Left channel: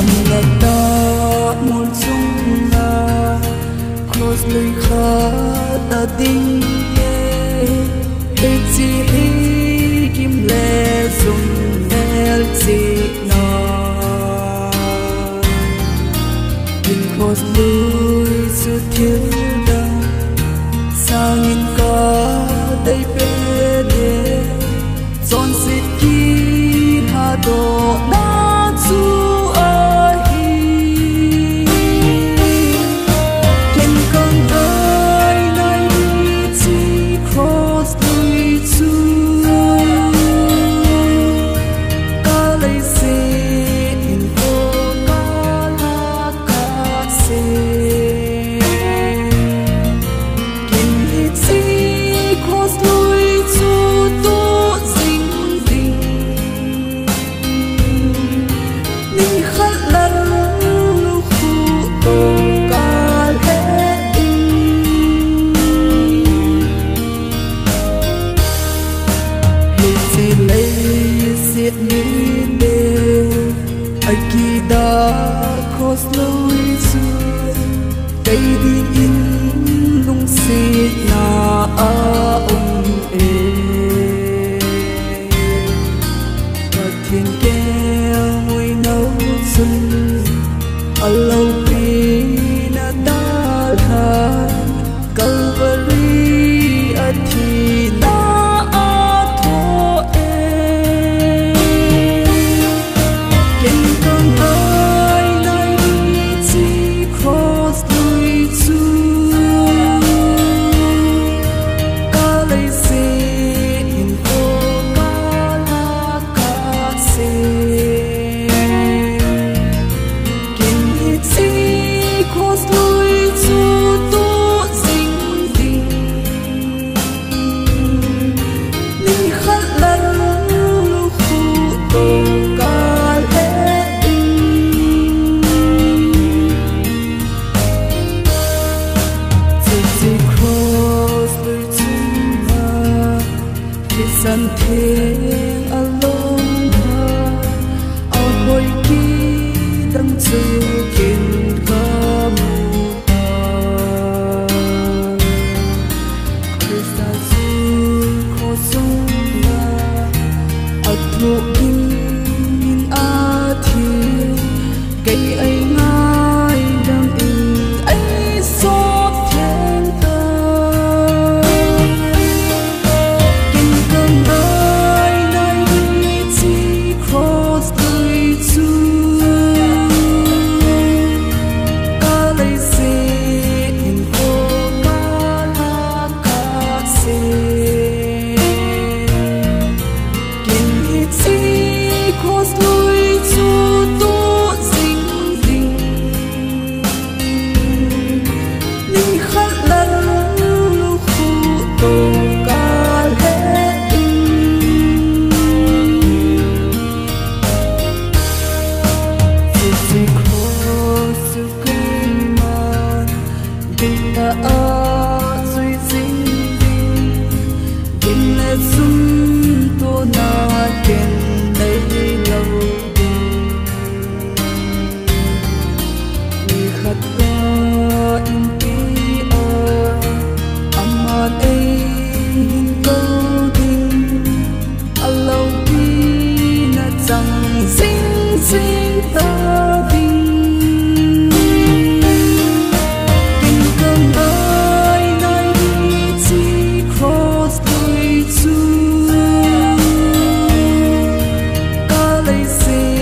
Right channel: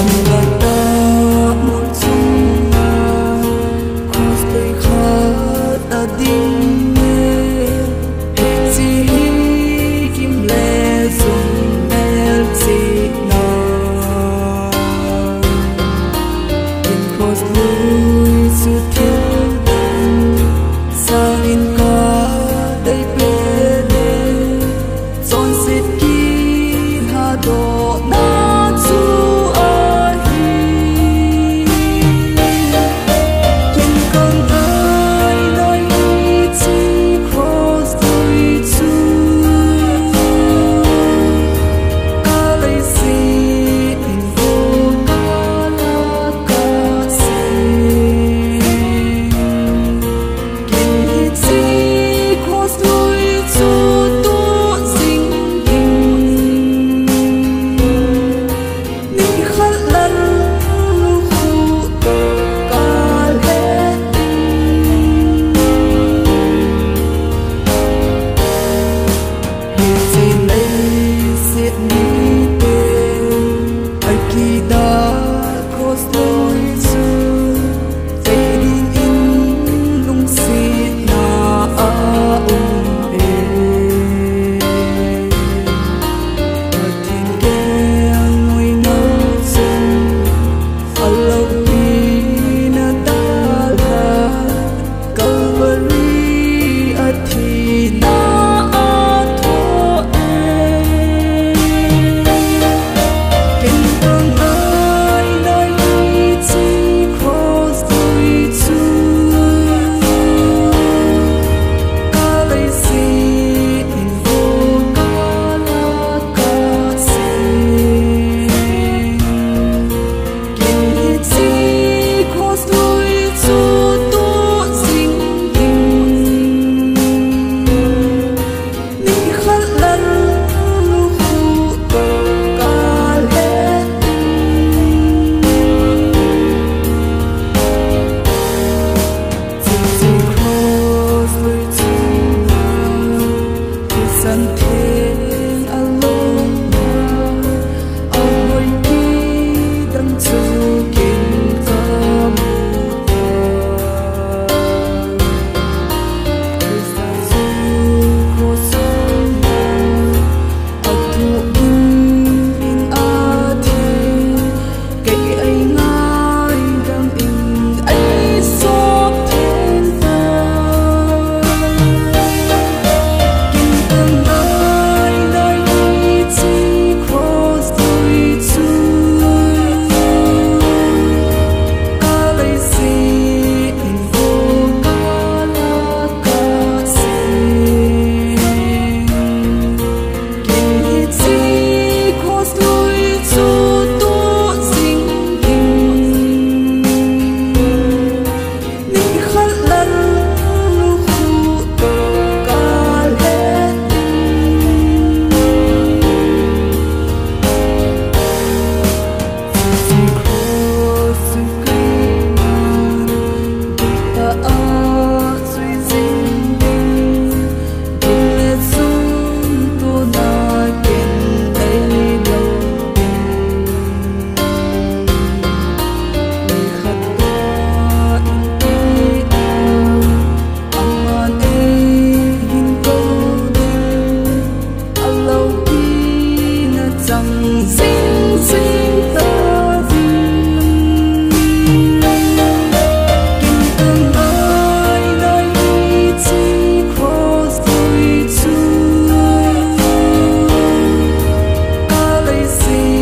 cầm ngã ta mùi chung ngà cross lưỡi khá ta đinh nghe hết chi hi kim lệ dùng el chi na in cross lưỡi su thiếu đằng sang in ca đầy bê đê chọn xịt kia hà độ na chu Akida cross lối xưa cây đi in lung xịt na e và thiên kêu ngồi nấu sừng lâu pi na ta ha Calvary athi na san thiên along ha a hoi ki dang chu kin ka mu ta Krista chu kho sung na a thu in in a thi kai ai ngai dam in ai so thiên ta cross. chẳng dính dính ta đình kinh cơn ơi nay chỉ cross lùi chu ca lấy gì